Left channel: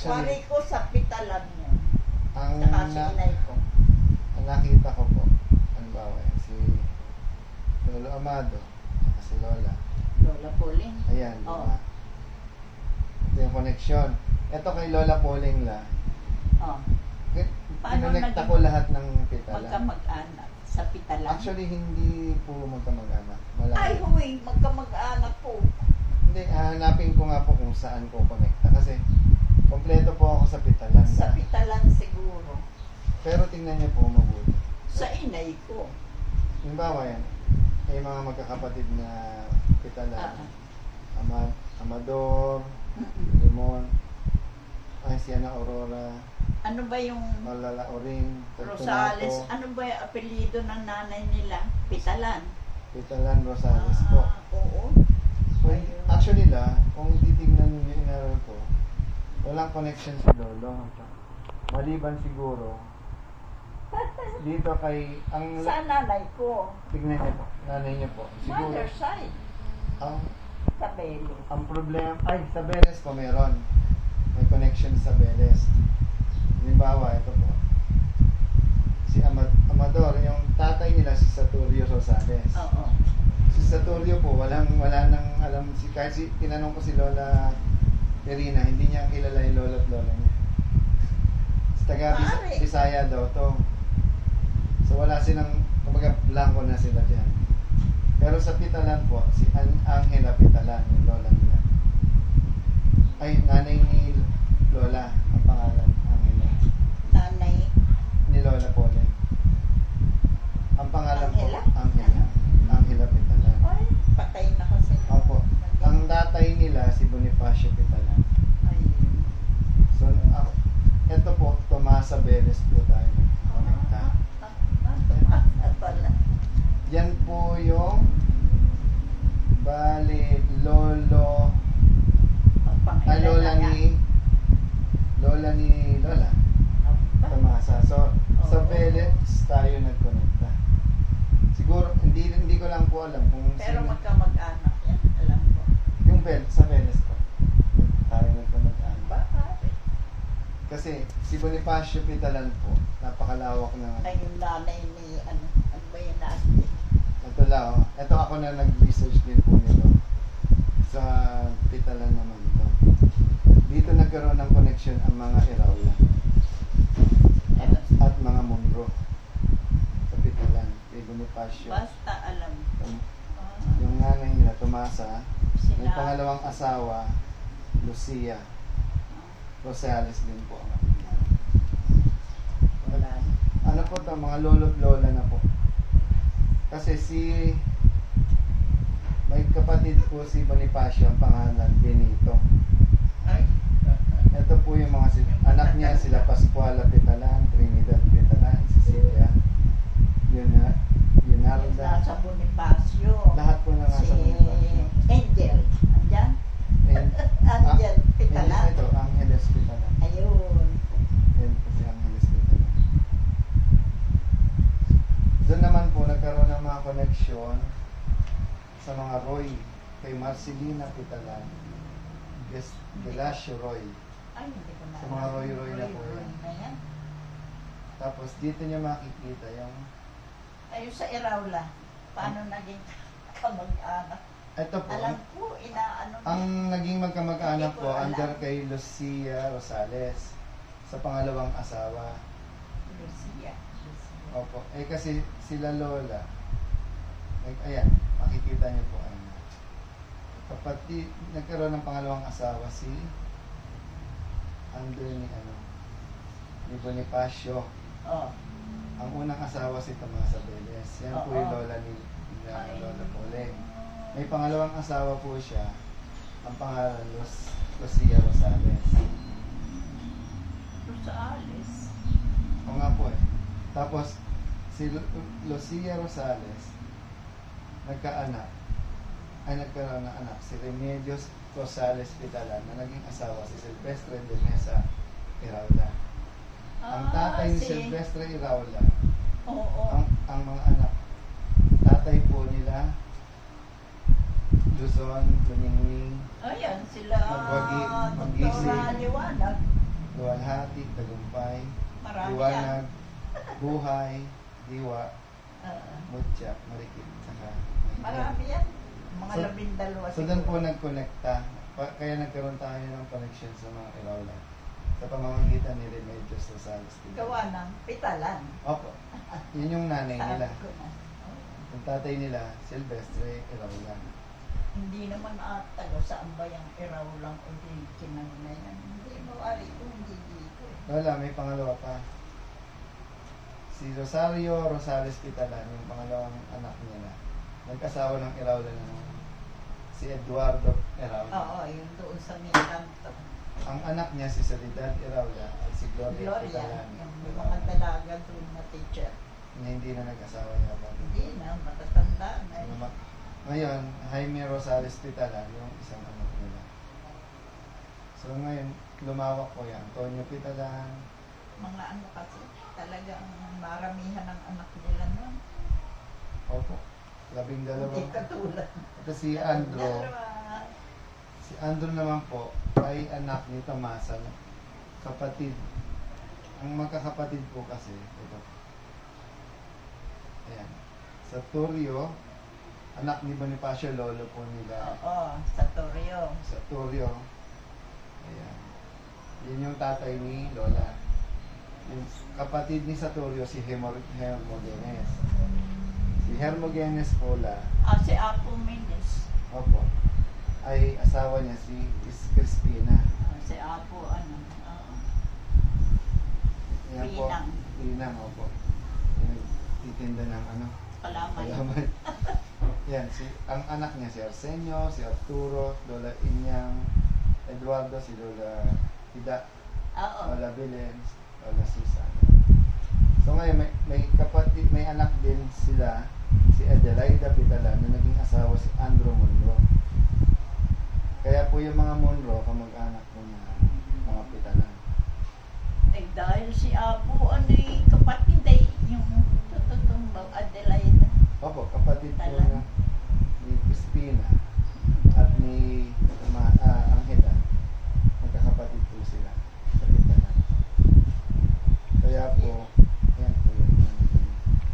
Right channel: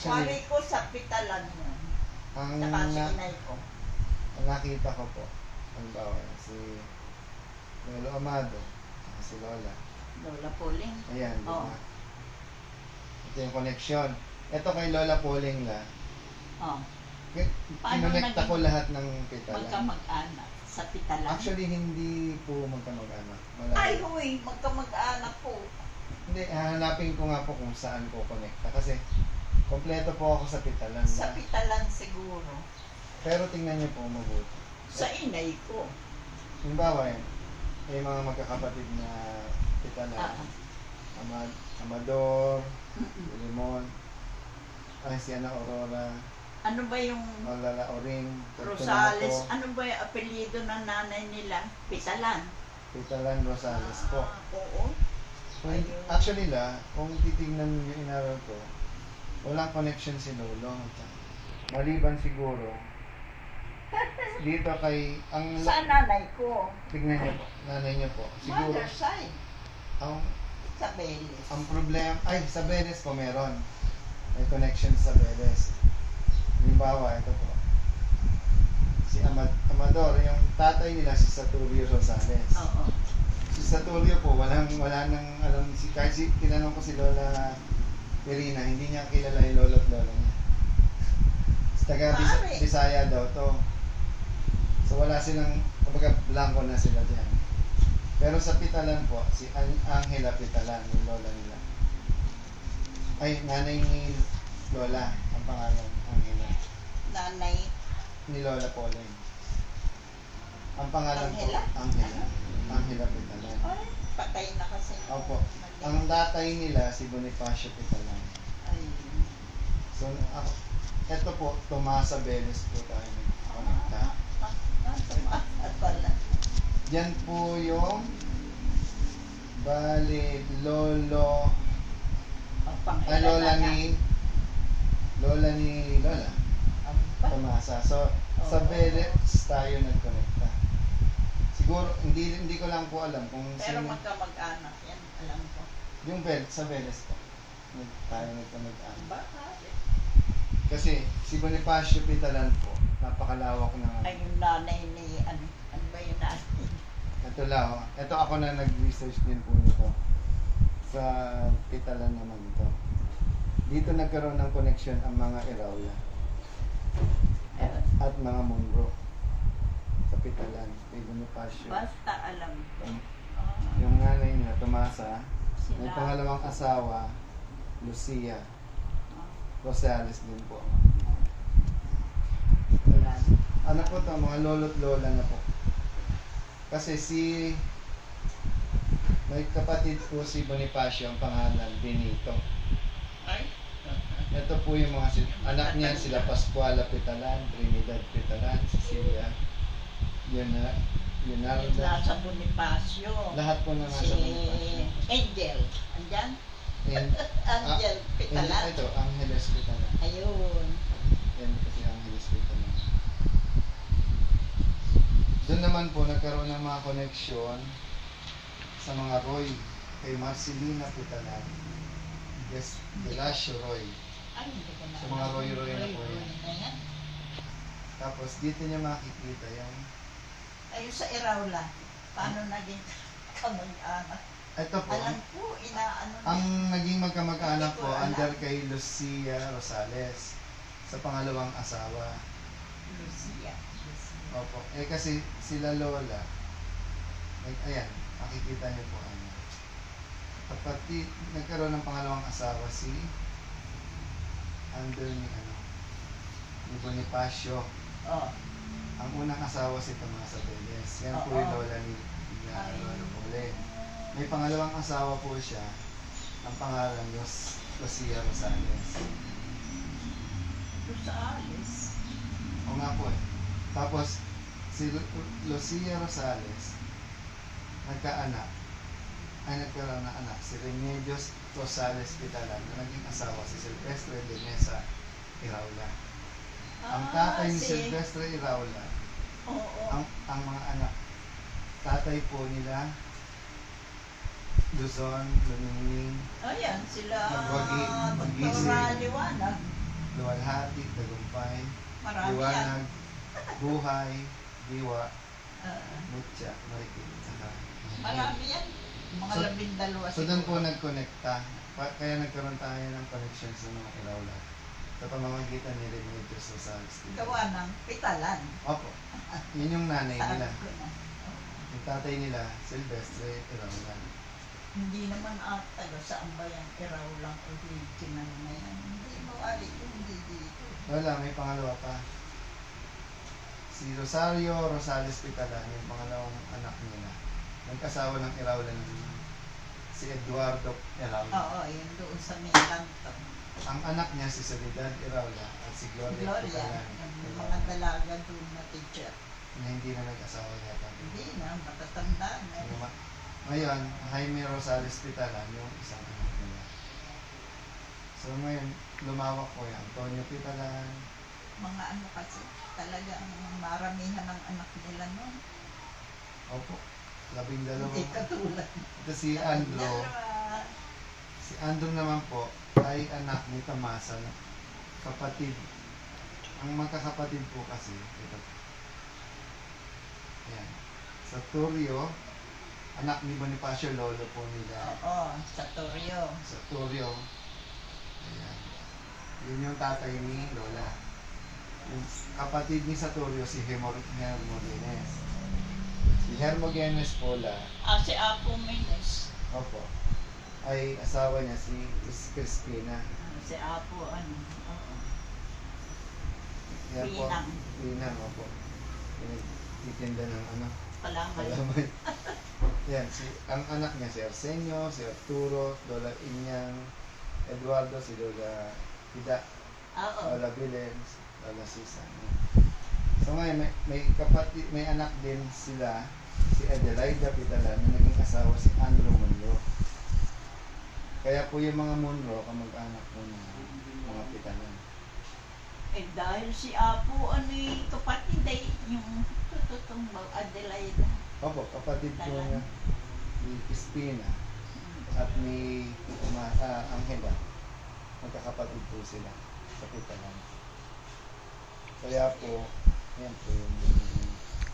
Actually, Wari ko sa pitalan mo. ang, Saka si na, inay ko. ang nakita ko po, ang bawa, si Lolo Amado, saka si Lola. Lola Pauling. Ayan, di Oo. ba? Ito yung connection. Ito kay Lola Pauling la. Oh. Paano Kinonekta naging ko lahat ng pitalan. magkamag-anak sa pitalan? Actually, hindi po magkamag-anak. Ay, Malayo. huy, magkamag-anak po. Hindi, hanapin ko nga po kung saan ko connecta. Kasi, kompleto po ako sa pitalan. Sa pitalan siguro. Pero tingnan niyo po mabuti. Sa inay ko. Halimbawa yan, may mga magkakapatid na pitalan. Amador, Mm-mm. Limon, ay si Ana Aurora, Ano ba yung Malala Oring, Rosales? Fortunato, Ano ba yung apelyido ng nanay nila? Pitalan. Pitalan Rosales po. Oo. Actually kung titignan niyo inaral ko, walang connection si Lolo. Maliban siguro, dito kay, Sa nanay ko. tignan niyo po, nanay niyo po, siguro, Mother side. ang, Sa Belis. ang problema, ay, sa Beles po meron. May connection sa Beles. Halimbawa, ito po. Si Amador, yung tatay nila si Saturio Rosales. Oo. Si Saturio po, wala nang alam, kahit tinanong ko si Lola Perina, hindi niya kilala yung lolo at lola niya. Sa taga Pare. Bisaya daw to. So wala silang, kumbaga blanco na sila dyan. Pero sa Pitalan po, si Angela Pitalan, yung lola nila. Ay, nanay ni Lola, ang pangalan, Angela. Nanay. Ni Lola Pauling. Ang pangalan Angela? po, Angela. Angela Pitalan. Ay, patay na kasi. Opo. Ang tatay nila, si Bonifacio Pitalan. Ay. So, ito po, Tomasa Beles po tayo. Konekta. Pala. Yan po yung bali, lolo, ay lola ni Lola. Tomasa. So, sa Beles tayo nagkonekta. Siguro, hindi ko lang po alam kung Pero sino. magkamag-anak yan. Alam ko. Yung sa Beles po. Tayo nagkonekta. Bakit? Kasi si Bonifacio Pitalan po, napakalawak na. Ay, yung nanay ni, ano ba yung nanay? Ito lang, oh. Ito ako na nag-research din po nito. Sa Pitalan naman ito. Dito nagkaroon ng connection ang mga Iraula. At mga Munro. Sa Pitalan, kay Bonifacio. Basta alam ko. Yung nanay nila, Tomasa. May Sila- pangalawang asawa, Lucia. Rosales din po. Wala. Ano po to, mga lolo't lola na po. Kasi may kapatid po si Bonifacio, ang pangalan, Benito. Ay. Ito po yung mga anak niya, sila Pascuala Pitalan, Trinidad Pitalan, Cecilia, Leonardo. Nasa Bonifacio. Lahat po na nasa Si Bonifacio. Angel. Andyan? And, Angel Pitalan. Ito, Angeles Pitalan. Ayun. Yan po si Angeles Pitalan. Doon naman po nagkaroon ng mga connection sa mga Roy, kay Marcelina Pitalan, yes, Velasio Roy. Ay, hindi ko na. Sa mga Roy na po yan. na yan. Tapos dito niya makikita yung, Ayun sa Iraula. Paano naging kamag-anak? ito po, Alam ko, inaano na. ang naging magkamag-anak Hindi ko po, alam. under kay Lucia Rosales, sa pangalawang asawa. Lucia. Opo, kasi sila Lola, ayan, makikita niyo po, pati nagkaroon ng pangalawang asawa si under ni Bonifacio. Oh. Ang unang asawa si Tomasa Beles. Yan po yung Oo. lola ni Lola Pauling. May pangalawang asawa po siya. Ang pangalan Lucia Rosales. Rosales. O nga po eh. Tapos si Lucia Rosales nagkaroon ng anak, si Remedios Rosales Pitalan, na naging asawa si Silvestre de Mesa Iraula. Ang tatay ni Silvestre Iraula, Oo. ang mga anak, tatay po nila, Luzon, Luningning, Ayan, sila Magwagi, Magisi. Dr. Liwanag. luwalhati, tagumpay, Marami yan. liwanag, buhay, diwa, Oo. mutya, marikit, saka Marami yan. Mga So- 12 So doon po nagkonekta, kaya nagkaroon tayo ng connection sa mga ilawlat. Sa pamamagitan ni Remedios Rosales. Gawa ng pitalan. Opo, yun yung nanay nila. Sabi ko na. Oo. Yung tatay nila, Silvestre Ilawlat. Hindi naman taga saan ba yung iraw lang original na yan. Hindi mawali ko, hindi dito. Wala, may pangalawa pa. Si Rosario Rosales Pitalan, yung pangalawang anak nila. Nagkasawa ng Ilawla ng si Eduardo Ilawla. Oo, yun doon sa may kanto. Ang anak niya si Soledad Ilawla at si Gloria Gloria, Pitalan. yung mga dalaga doon na teacher. Na hindi na nag-asawa yata. Hindi na, matatanda na. Ngayon, Jaime Rosales Pitalan, yung isang anak nila. So ngayon, lumawak po yan. Antonio Pitalan. Mga ano kasi, talagang maramihan ng anak nila noon. Opo, 12. Hindi katulad. Ito si Andro. Dalawa. Si Andrew naman po ay anak ni Tomasa, kapatid. Ang magkakapatid po kasi, ito. Ayan. Sa Turio, anak ni Bonifacio, lolo po nila. Oo, sa Torrio. Sa Turio. Ayan. Yun yung tatay ni Lola. Yung kapatid ni Saturio, si Hermogenes. Si Hermogenes Pola, Si Apo Menes. opo, ay asawa niya si Crispina. Si Apo, ano, oo. Yan po. Pinang. Pinang, opo. Titinda ng ano, Palamay. kalamay. Yan, ang anak niya si Arsenio, si Arturo, Lola Inyang, Eduardo, si Lola Hida, Oo. Lola Belen, Lola Susan. So ngayon, may kapatid, may anak din sila, si Adelaida Pitalan, na naging asawa si Andrew Monro. Kaya po yung mga Monro, kamag-anak po ng mga Pitalan. Dahil si Apo, ano yung kapatid ay yung tututong Adelaida. Opo, kapatid po Pitalan. niya ni Crispina at ni Anghela. Magkakapatid po sila sa Pitalan. Kaya po, yan po yung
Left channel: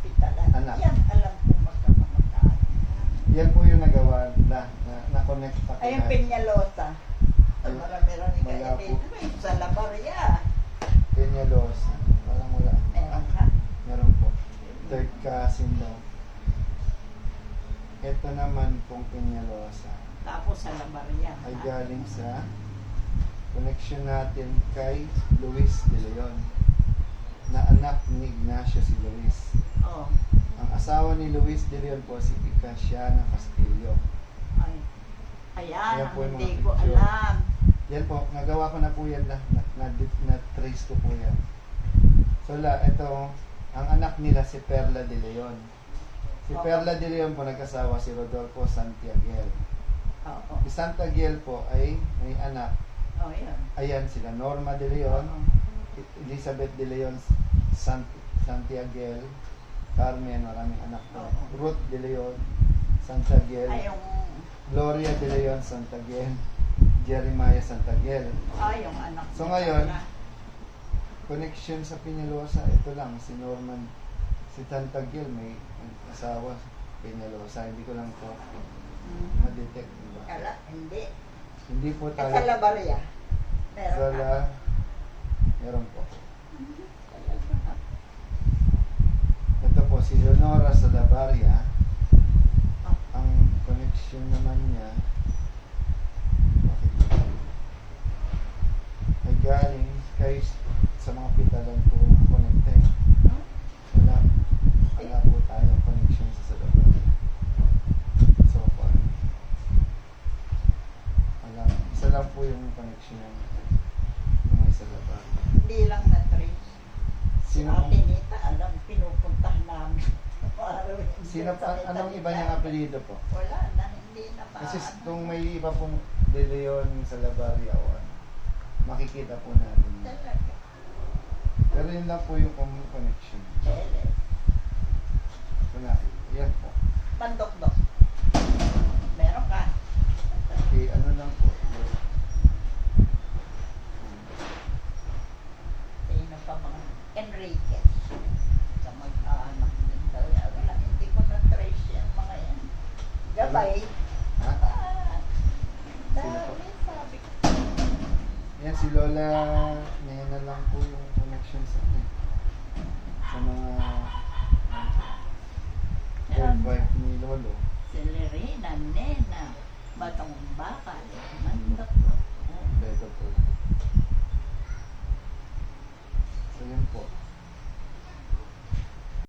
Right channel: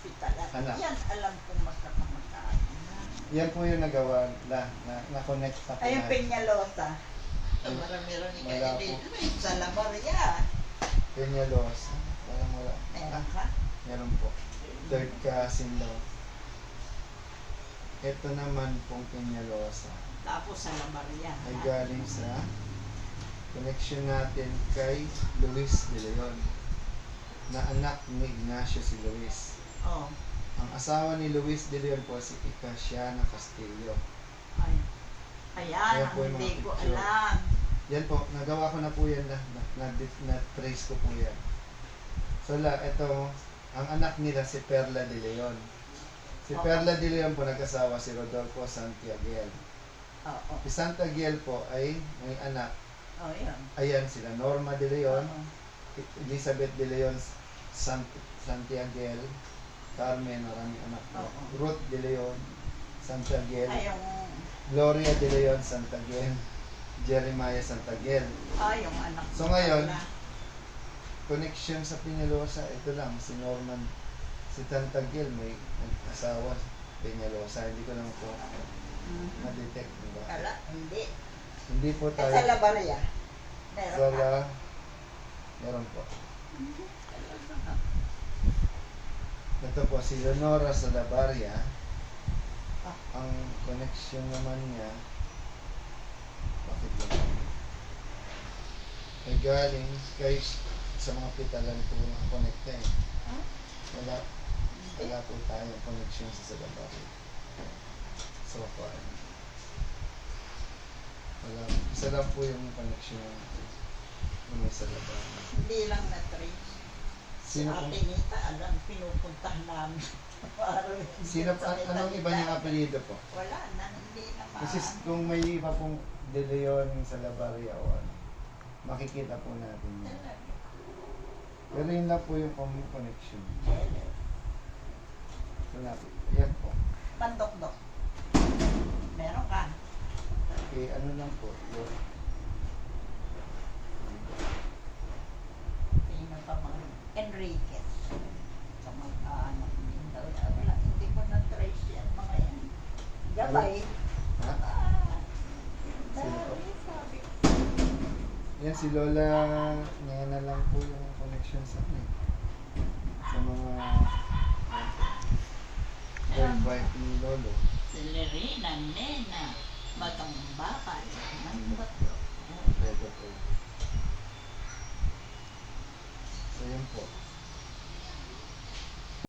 Pitalan. Anak. Yan, alam ko magkakamagkaan. yan po yung nagawa na-connect pa Ay, yung Peñalosa. Ay, Marami-rami wala kayo po. dito. Sa La Maria. Peñalos. Parang wala. Meron ka. Meron po. Third cousin daw. Ito naman pong Peñalosa Tapos sa La Maria. ay galing sa connection natin kay Luis de Leon na anak ni Ignacio si Luis. Oh. Ang asawa ni Luis de Leon po si Icasiana Castillo. Ay. Ayan, Ayan ang po yung mga hindi ko picture. alam. Yan po, nagawa ko na po yan na-trace ko po yan. So ito, ang anak nila si Perla de Leon. Si Oo. Perla de Leon po nagkasawa si Rodolfo Santiaguel. Oo. Si Santiaguel po ay may anak. Oh, yan. Ayan sila, Norma de Leon, Oo. Elizabeth de Leon, Santiaguel, Carmen, maraming anak po. Oo. Ruth de Leon, Santiaguel, Ay, yung, Gloria de Leon, Santiaguel, Jeremiah Santiaguel. yung anak So niya ngayon, pala. Connection sa Peñalosa, ito lang, si Norman, si Santiaguel may asawa, Peñalosa, hindi ko lang po Mhm. ma-detect, di ba? Kala, hindi. Hindi po Eh, tayo, sa La Maria. Meron sa ka. meron po. Ito po, si Leonora Sadabaria, Ah. ang connection naman niya, bakit lang? Ay galing kay sa mga Pitalan po nakakonekta eh. Huh? Wala po tayo connection sa Sadabaria. So far. Wala. Isa lang po yung connection ng may Sadabaria. Hindi lang na-trace. Sino Sa pong, Atenita, alam, pinupuntahan namin. sino pa, anong iba niyang apelido po? Wala na, hindi na Kasi maano. kung may iba pong De Leon sa Labaria o ano, makikita po natin. yun. Talaga. Pero yun lang po yung connection. Ele. So natin, yan po. Pandok-dok. Meron ka. Okay, ano lang po. Gabay. Ha? Ah, Sino po? dami, sabi ko. Yan si Lola, Nena lang po yung connection sa akin. Sa mga third wife ni Lolo. Si Lorena, Nena.